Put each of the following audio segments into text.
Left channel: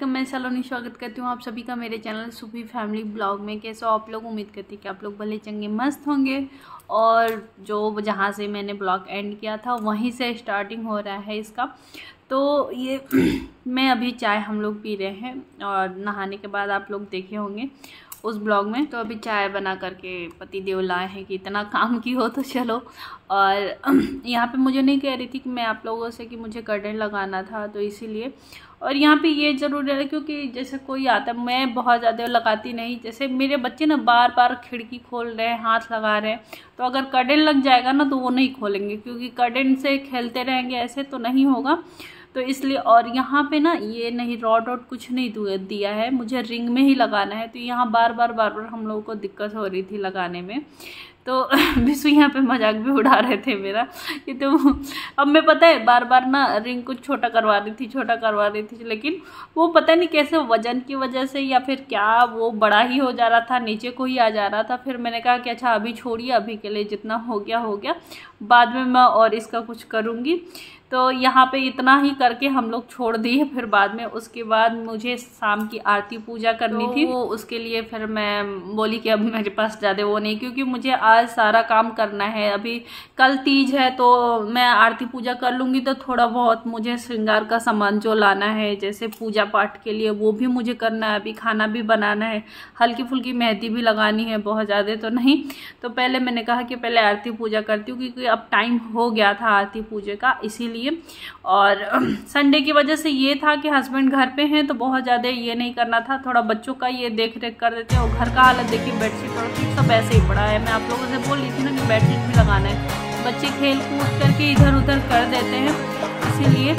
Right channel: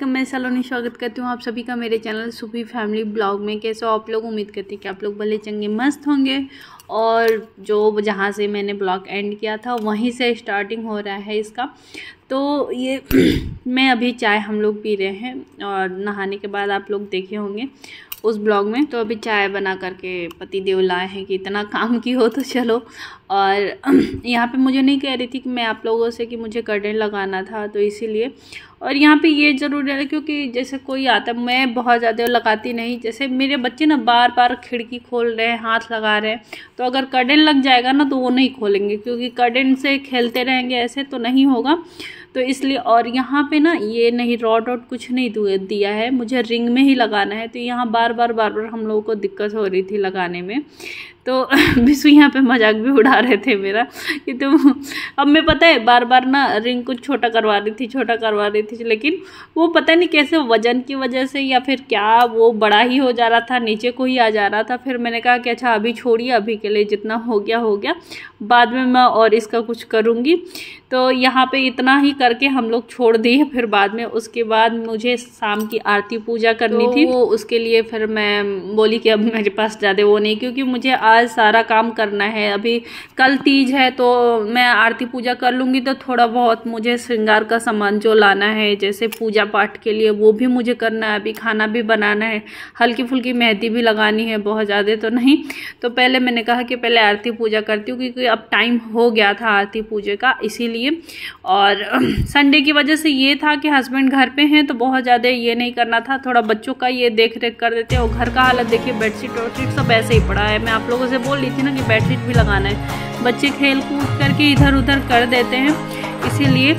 Welcome. मैं सलोनी स्वागत करती हूँ आप सभी का मेरे चैनल सूफी फैमिली ब्लॉग में। कैसे हो आप लोग? उम्मीद करती हैं कि आप लोग भले चंगे मस्त होंगे। और जो जहाँ से मैंने ब्लॉग एंड किया था वहीं से स्टार्टिंग हो रहा है इसका। तो ये मैं अभी चाय हम लोग पी रहे हैं और नहाने के बाद आप लोग देखे होंगे उस ब्लॉग में। तो अभी चाय बना करके पति देव लाए हैं कि इतना काम की हो तो चलो। और यहाँ पे मुझे नहीं कह रही थी कि मैं आप लोगों से कि मुझे कर्टेन लगाना था, तो इसीलिए। और यहाँ पे ये ज़रूर है क्योंकि जैसे कोई आता है, मैं बहुत ज़्यादा लगाती नहीं। जैसे मेरे बच्चे ना बार बार खिड़की खोल रहे हैं, हाथ लगा रहे हैं, तो अगर कर्टेन लग जाएगा ना तो वो नहीं खोलेंगे, क्योंकि कर्टेन से खेलते रहेंगे ऐसे तो नहीं होगा। तो इसलिए। और यहाँ पे ना ये नहीं रॉड वॉड कुछ नहीं दिया है, मुझे रिंग में ही लगाना है। तो यहाँ बार बार हम लोगों को दिक्कत हो रही थी लगाने में। तो विशु यहाँ पे मजाक भी उड़ा रहे थे मेरा कि तुम अब मैं पता है बार बार ना रिंग को छोटा करवा रही थी, लेकिन वो पता नहीं कैसे वजन की वजह से या फिर क्या वो बड़ा ही हो जा रहा था, नीचे को ही आ जा रहा था। फिर मैंने कहा कि अच्छा अभी छोड़िए, अभी के लिए जितना हो गया, बाद में मैं और इसका कुछ करूँगी। तो यहाँ पे इतना ही करके हम लोग छोड़ दिए। फिर बाद में उसके बाद मुझे शाम की आरती पूजा करनी थी, वो उसके लिए फिर मैं बोली कि अब मेरे पास ज़्यादा वो नहीं, क्योंकि मुझे आज सारा काम करना है। अभी कल तीज है तो मैं आरती पूजा कर लूँगी, तो थोड़ा बहुत मुझे श्रृंगार का सामान जो लाना है जैसे पूजा पाठ के लिए वो भी मुझे करना है। अभी खाना भी बनाना है, हल्की फुल्की मेहंदी भी लगानी है, बहुत ज़्यादा तो नहीं। तो पहले मैंने कहा कि पहले आरती पूजा करती हूँ, क्योंकि अब टाइम हो गया था आरती पूजा का, इसीलिए। और संडे की वजह से ये था कि हस्बैंड घर पे हैं तो बहुत ज़्यादा ये नहीं करना था, थोड़ा बच्चों का ये देख रेख कर देते हैं। और घर का हालत देखिए, बेडशीट वेडशीट सब ऐसे ही पड़ा है। मैं आप लोगों से बोल रही थी ना कि बेडशीट भी लगाना है, बच्चे खेल कूद करके इधर उधर कर देते हैं, इसीलिए।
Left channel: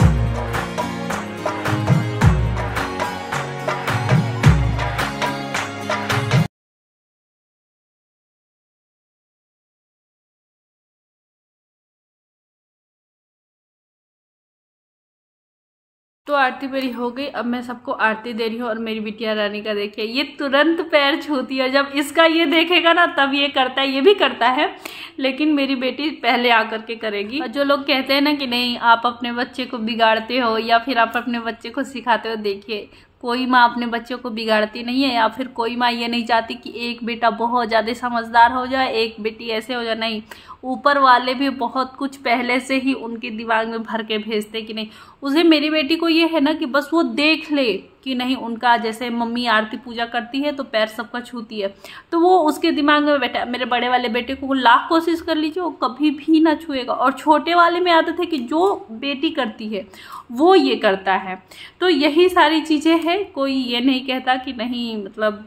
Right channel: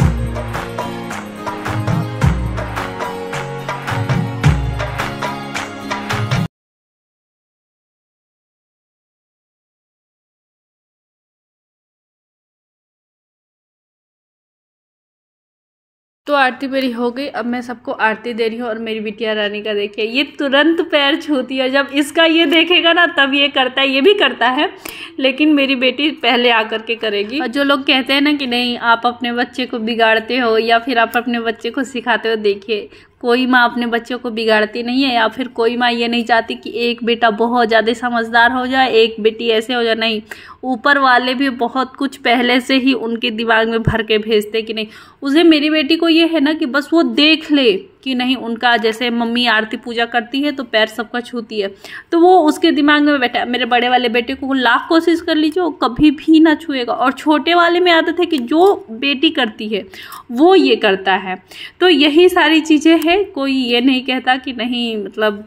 तो आरती मेरी हो गई, अब मैं सबको आरती दे रही हूँ। और मेरी बिटिया रानी का देखिए, ये तुरंत पैर छूती है, जब इसका ये देखेगा ना तब ये करता है, ये भी करता है, लेकिन मेरी बेटी पहले आकर के करेगी। और जो लोग कहते हैं ना कि नहीं आप अपने बच्चे को बिगाड़ते हो या फिर आप अपने बच्चे को सिखाते हो, देखिए कोई माँ अपने बच्चों को बिगाड़ती नहीं है, या फिर कोई माँ ये नहीं चाहती कि एक बेटा बहुत ज़्यादा समझदार हो जाए, एक बेटी ऐसे हो जाए। नहीं, ऊपर वाले भी बहुत कुछ पहले से ही उनके दिमाग में भर के भेजते कि नहीं। उसे मेरी बेटी को ये है ना कि बस वो देख ले कि नहीं, उनका जैसे मम्मी आरती पूजा करती है तो पैर सबका छूती है, तो वो उसके दिमाग में बैठा। मेरे बड़े वाले बेटे को लाख कोशिश कर लीजिए, वो कभी भी ना छुएगा। और छोटे वाले में आदत है कि जो बेटी करती है वो ये करता है। तो यही सारी चीज़ें हैं, कोई ये नहीं कहता कि नहीं, मतलब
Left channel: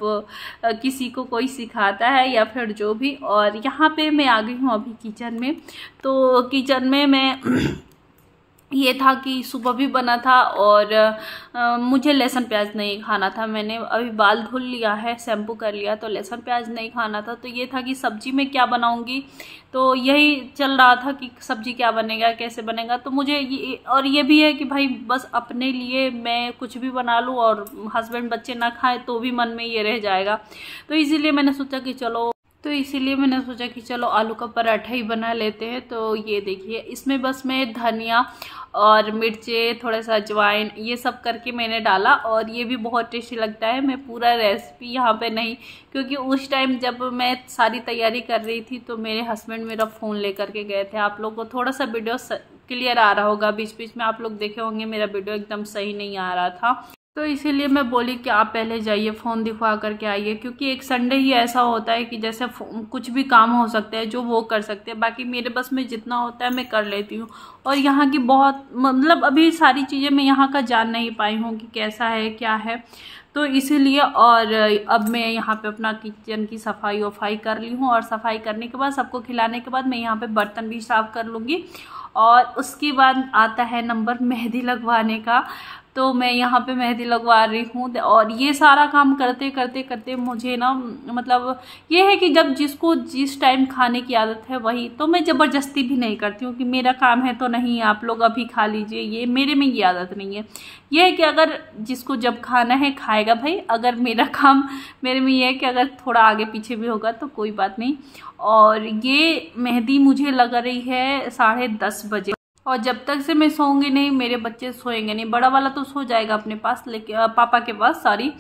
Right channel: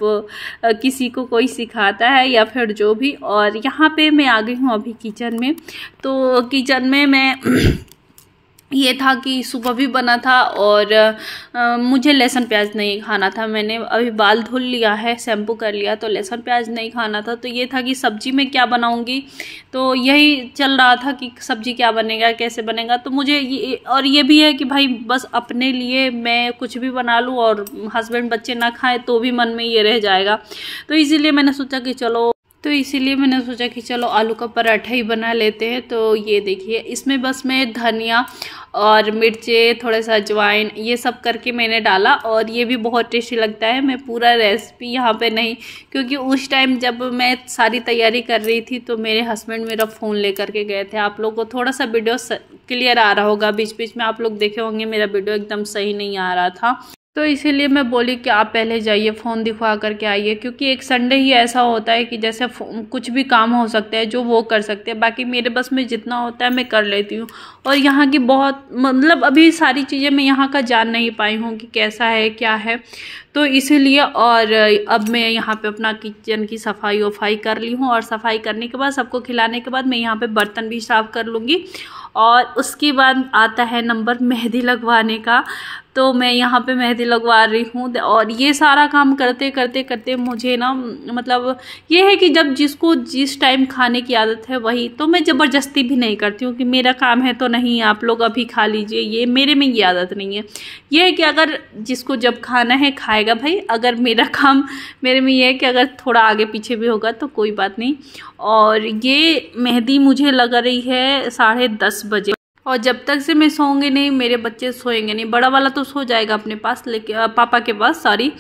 किसी को कोई सिखाता है या फिर जो भी। और यहाँ पे मैं आ गई हूँ अभी किचन में। तो किचन में मैं ये था कि सुबह भी बना था और मुझे लहसुन प्याज नहीं खाना था। मैंने अभी बाल धुल लिया है, शैम्पू कर लिया, तो लहसुन प्याज नहीं खाना था। तो ये था कि सब्जी में क्या बनाऊंगी, तो यही चल रहा था कि सब्जी क्या बनेगा, कैसे बनेगा। तो मुझे ये भी है कि भाई बस अपने लिए मैं कुछ भी बना लूँ और हस्बैंड बच्चे ना खाएँ तो भी मन में ये रह जाएगा। तो इसीलिए मैंने सोचा कि चलो आलू का पराठा ही बना लेते हैं। तो ये देखिए, इसमें बस मैं धनिया और मिर्चे, थोड़ा सा अजवाइन, ये सब करके मैंने डाला और ये भी बहुत टेस्टी लगता है। मैं पूरा रेसिपी यहाँ पे नहीं, क्योंकि उस टाइम जब मैं सारी तैयारी कर रही थी तो मेरे हस्बैंड मेरा फ़ोन लेकर के गए थे। आप लोगों को थोड़ा सा वीडियो क्लियर आ रहा होगा, बीच बीच में आप लोग देखे होंगे मेरा वीडियो एकदम सही नहीं आ रहा था। तो इसीलिए मैं बोली कि आप पहले जाइए, फ़ोन दिखवा करके आइए, क्योंकि एक संडे ही ऐसा होता है कि जैसे कुछ भी काम हो सकता है जो वो कर सकते हैं, बाकी मेरे बस में जितना होता है मैं कर लेती हूँ। और यहाँ की बहुत, मतलब अभी सारी चीज़ें मैं यहाँ का जान नहीं पाई हूँ कि कैसा है क्या है, तो इसीलिए। और अब मैं यहाँ पे अपना किचन की सफाई वफाई कर ली हूँ, और सफाई करने के बाद सबको खिलाने के बाद मैं यहाँ पे बर्तन भी साफ़ कर लूँगी। और उसके बाद आता है नंबर मेहंदी लगवाने का। तो मैं यहाँ पे मेहंदी लगवा रही हूँ। और ये सारा काम करते करते मुझे ना, मतलब ये है कि जब जिसको जिस टाइम खाने की आदत है वही, तो मैं ज़बरदस्ती भी नहीं करती हूँ कि मेरा काम है तो नहीं आप लोग अभी खा लीजिए, ये मेरे में ये आदत नहीं है। ये है कि अगर जिसको जब खाना है खाएगा भाई। अगर मेरा काम मेरे में ये है कि अगर थोड़ा आगे पीछे भी होगा तो कोई बात नहीं। और ये मेहंदी मुझे लग रही है 10:30 बजे। और जब तक से मैं सोऊंगी नहीं मेरे बच्चे सोएंगे नहीं। बड़ा वाला तो सो जाएगा अपने पास, लेकिन पापा के पास सॉरी,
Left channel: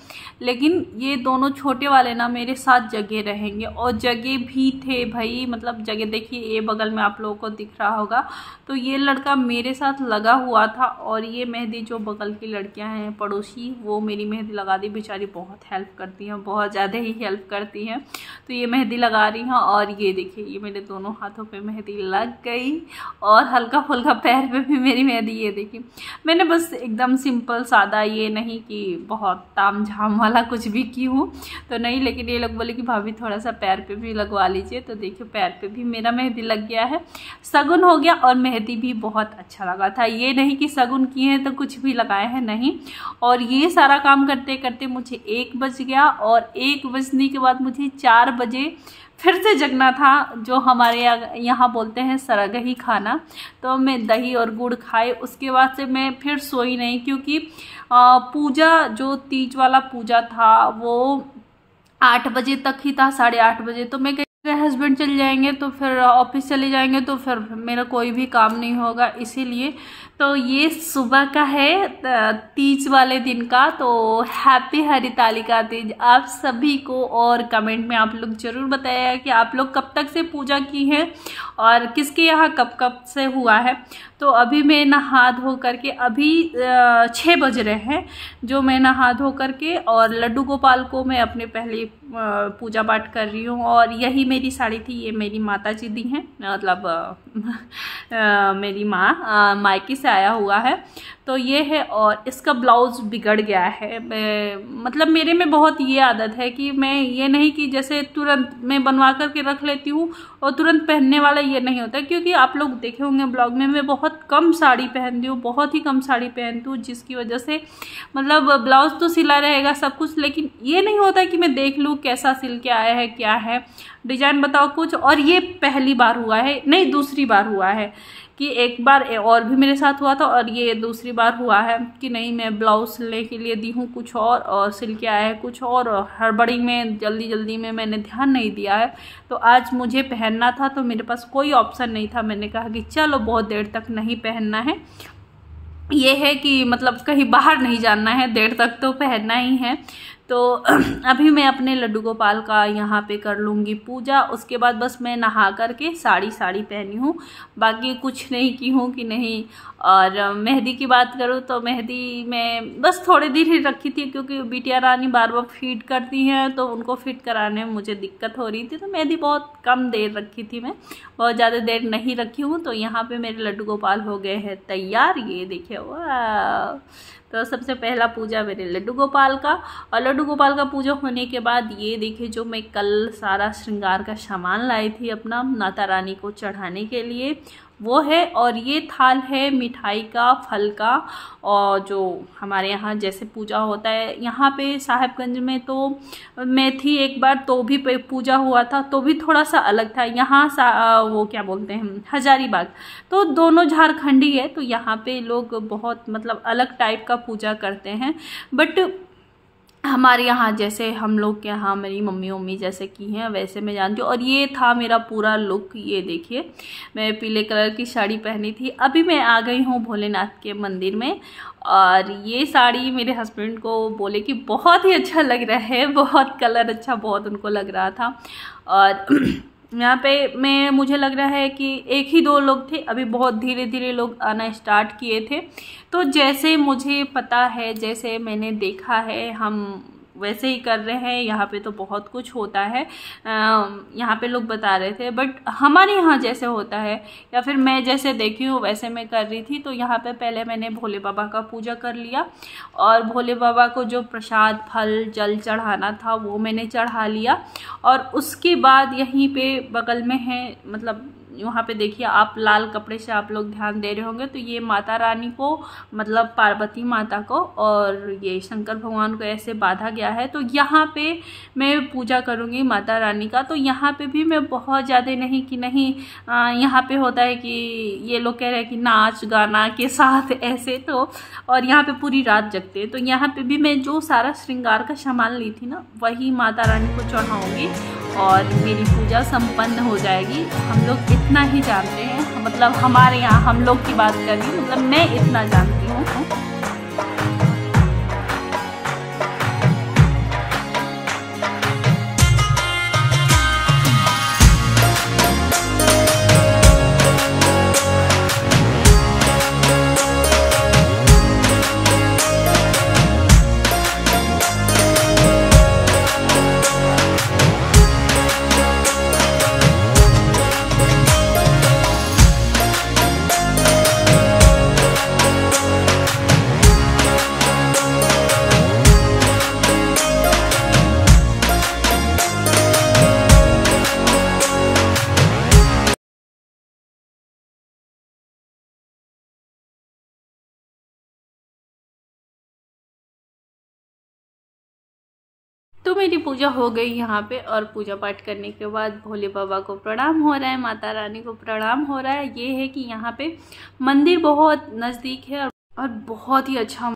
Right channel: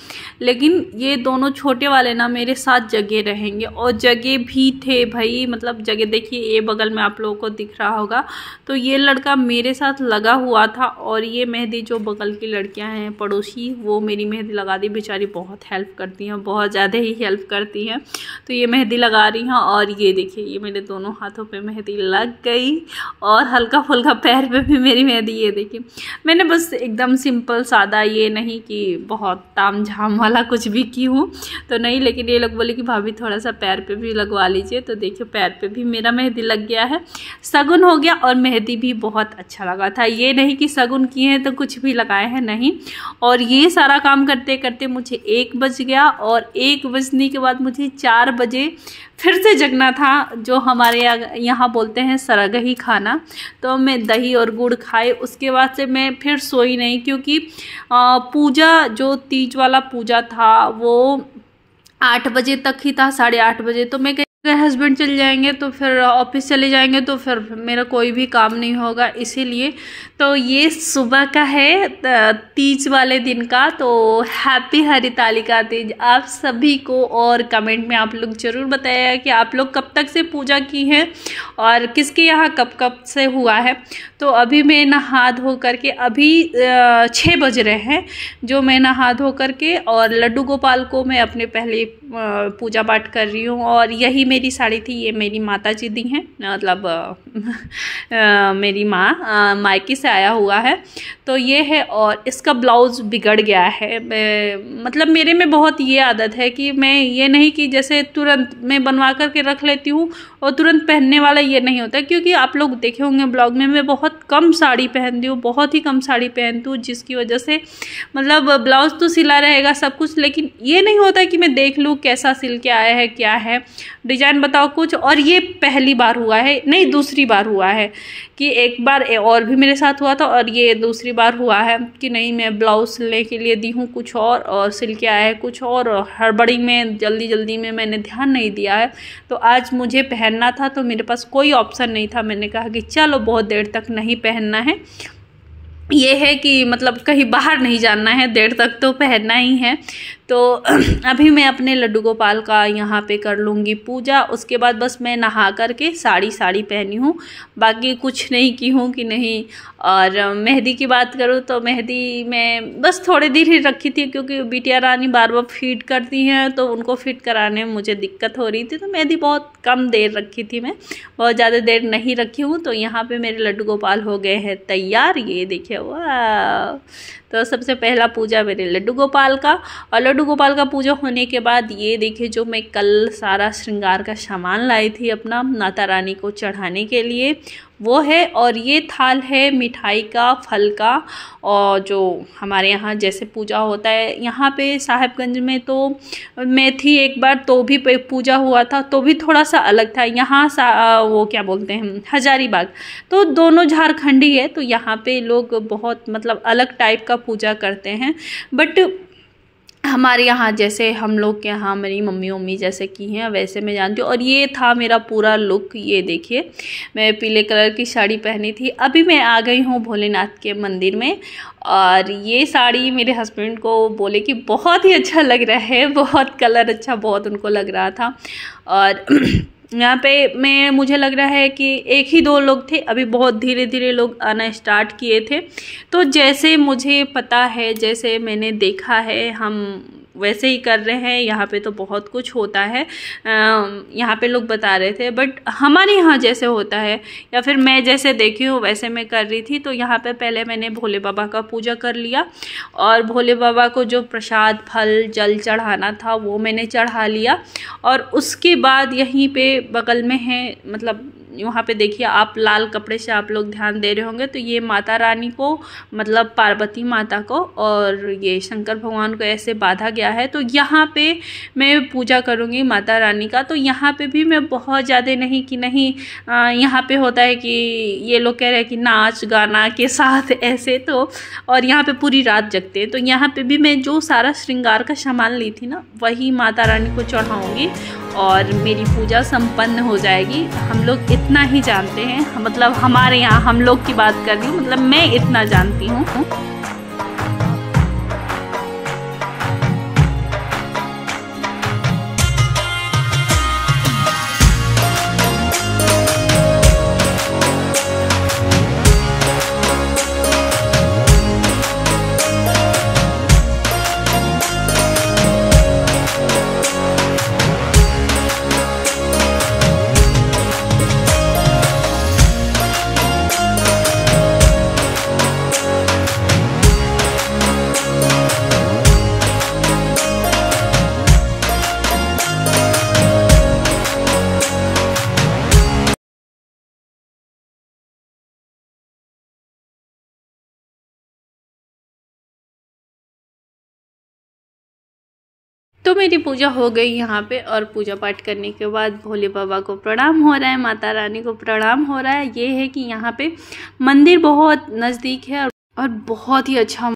लेकिन ये दोनों छोटे वाले ना मेरे साथ जगे रहेंगे। और जगे भी थे भाई, मतलब जगह देखिए ये बगल में आप लोगों को दिख रहा होगा, तो ये लड़का मेरे साथ लगा हुआ था। और ये मेहंदी जो बगल की लड़कियां हैं पड़ोसी, वो मेरी मेहंदी लगा दी, बेचारी बहुत हेल्प करती हैं, बहुत ज़्यादा ही हेल्प करती हैं। तो ये मेहंदी लगा रही हैं और ये देखिए ये मेरे दोनों हाथों पे मेहंदी लग गई और हल्का फुल्का पैर पे भी मेरी मेहंदी। ये देखिए मैंने बस एकदम सिंपल सादा, ये नहीं कि बहुत ताम झाम वाला कुछ भी की हूँ तो नहीं, लेकिन ये लोग बोले कि भाभी थोड़ा सा पैर पे भी लगवा लीजिए। तो देखिए पैर पे भी मेरा मेहंदी लग गया है, शगुन हो गया और मेहंदी भी बहुत अच्छा लगा था। ये नहीं कि शगुन किए हैं तो कुछ भी लगाए हैं, नहीं। और ये सारा काम करते करते मुझे 1 बज गया और 1 बजने के बाद मुझे 4 बजे फिर से जगना था, जो हमारे यहाँ बोलते हैं सरगही खाना। तो मैं दही और गुड़ खाए, उसके बाद से मैं फिर सोई नहीं, क्योंकि पूजा जो तीज वाला पूजा था वो 8 बजे तक ही था, 8:30 बजे। तो मैं हस्बैंड चले जाएंगे तो फिर ऑफिस चले जाएंगे तो फिर मेरा कोई भी काम नहीं होगा, इसीलिए। तो ये सुबह का है तीज वाले दिन का। तो हैप्पी हरितालिका तीज आप सभी को। और कमेंट में आप लोग ज़रूर बताइएगा कि आप लोग कब तक से पूजा की है और किसके यहाँ कब कब से हुआ है। तो अभी मैं नहा धो करके, अभी 6 बज रहे हैं जो मैं नहा धो करके, और लड्डू गोपाल को मैं अपने पहले पूजा पाठ कर रही हूँ। और यही मेरी साड़ी थी, ये मेरी माता जी दी हैं, मतलब मेरी माँ मायके से आया हुआ है। तो ये है, और इसका ब्लाउज़ बिगड़ गया है। मतलब मेरे में बहुत ये आदत है कि मैं ये नहीं कि जैसे तुरंत मैं बनवा करके रख लेती हूँ और तुरंत पहनने वाला ये नहीं होता, क्योंकि आप लोग देखे होंगे ब्लॉग में मैं बहुत कम साड़ी पहनती हूँ, बहुत ही कम साड़ी पहनती हूँ, जिसकी वजह से मतलब ब्लाउज़ तो सिला रहेगा सब कुछ, लेकिन ये नहीं होता कि मैं देख लूँ कैसा सिल के आया है, क्या है डिजाइन बताओ कुछ। और ये पहली बार हुआ है, नहीं दूसरी बार हुआ है कि एक बार और भी मेरे साथ हुआ था और ये दूसरी बार हुआ है कि नहीं मैं ब्लाउज सिलने के लिए दी हूँ कुछ और सिल के आया है कुछ और हड़बड़ी में जल्दी में मैंने ध्यान नहीं दिया है। तो आज मुझे पहनना था तो मेरे पास कोई ऑप्शन नहीं था, मैंने कहा कि चलो बहुत देर तक नहीं पहनना है। ये है कि मतलब कहीं बाहर नहीं जाना है, देर तक तो पहनना ही है। तो अभी मैं अपने लड्डू गोपाल का यहाँ पे कर लूँगी पूजा, उसके बाद बस मैं नहा करके साड़ी पहनी हूँ, बाकी कुछ नहीं की हूँ कि नहीं। और मेहंदी की बात करूँ तो मेहंदी मैं बस थोड़ी देर ही रखी थी, क्योंकि बिटिया रानी बार बार फिट करती हैं तो उनको फिट कराने में मुझे दिक्कत हो रही थी, तो मेहंदी बहुत कम देर रखी थी, मैं बहुत ज़्यादा देर नहीं रखी हूँ। तो यहाँ पे मेरे लड्डू गोपाल हो गए हैं तैयार, ये देखिए वाह। तो सबसे पहला पूजा मेरे लड्डू गोपाल का, और लड्डू गोपाल का पूजा होने के बाद ये देखिए जो मैं कल सारा श्रृंगार का सामान लाई थी अपना माता रानी को चढ़ाने के लिए वो है। और ये थाल है मिठाई का, फल का, और जो हमारे यहाँ जैसे पूजा होता है यहाँ पे साहिबगंज में तो मैं थी एक बार तो भी पूजा हुआ था, तो भी थोड़ा सा अलग था। यहाँ वो क्या बोलते हैं हजारीबाग, तो दोनों झारखंडी है, तो यहाँ पे लोग बहुत मतलब अलग टाइप का पूजा करते हैं। बट हमारे यहाँ जैसे हम लोग के यहाँ मेरी मम्मी जैसे की हैं वैसे मैं जानती हूँ। और ये था मेरा पूरा लुक, ये देखिए मैं पीले कलर की साड़ी पहनी थी। अभी मैं आ गई हूँ भोलेनाथ के मंदिर में, और ये साड़ी मेरे हस्बैंड को बोले कि बहुत ही अच्छा लग रहा है, बहुत कलर अच्छा बहुत उनको लग रहा था। और यहाँ पे मुझे लग रहा है कि 1 ही 2 लोग थे, अभी बहुत धीरे धीरे लोग आना स्टार्ट किए थे। तो जैसे मुझे पता है, जैसे मैंने देखा है, हम वैसे ही कर रहे हैं। यहाँ पे तो बहुत कुछ होता है, यहाँ पे लोग बता रहे थे, बट हमारे यहाँ जैसे होता है या फिर मैं जैसे देखी हूँ वैसे मैं कर रही थी। तो यहाँ पे पहले मैंने भोले बाबा का पूजा कर लिया, और भोले बाबा को जो प्रसाद फल जल चढ़ाना था वो मैंने चढ़ा लिया। और उसके बाद यहीं पे बगल में है, मतलब वहाँ पे देखिए आप लाल कपड़े से आप लोग ध्यान दे रहे होंगे, तो ये माता रानी को मतलब पार्वती माता को और ये शंकर भगवान को ऐसे बांधा गया है। तो यहाँ पे मैं पूजा करूँगी माता रानी का। तो यहाँ पे भी मैं बहुत ज़्यादा नहीं कि नहीं, यहाँ पे होता है कि ये लोग कह रहे हैं कि नाच गाना के साथ ऐसे, तो और यहाँ पे पूरी रात जगते हैं। तो यहाँ पे भी मैं जो सारा श्रृंगार का सामान ली थी ना वही माता रानी को चढ़ाऊँगी। और मेरी पूजा संपन्न हो जाएगी। हम लोग इतना ही जानते हैं, मतलब हमारे यहाँ हम लोग की बात कर रही हूँ, मतलब मैं इतना जानती हूँ। तो मेरी पूजा हो गई यहाँ पे, और पूजा पाठ करने के बाद भोले बाबा को प्रणाम हो रहा है, माता रानी को प्रणाम हो रहा है। ये है कि यहाँ पे मंदिर बहुत नज़दीक है और बहुत ही अच्छा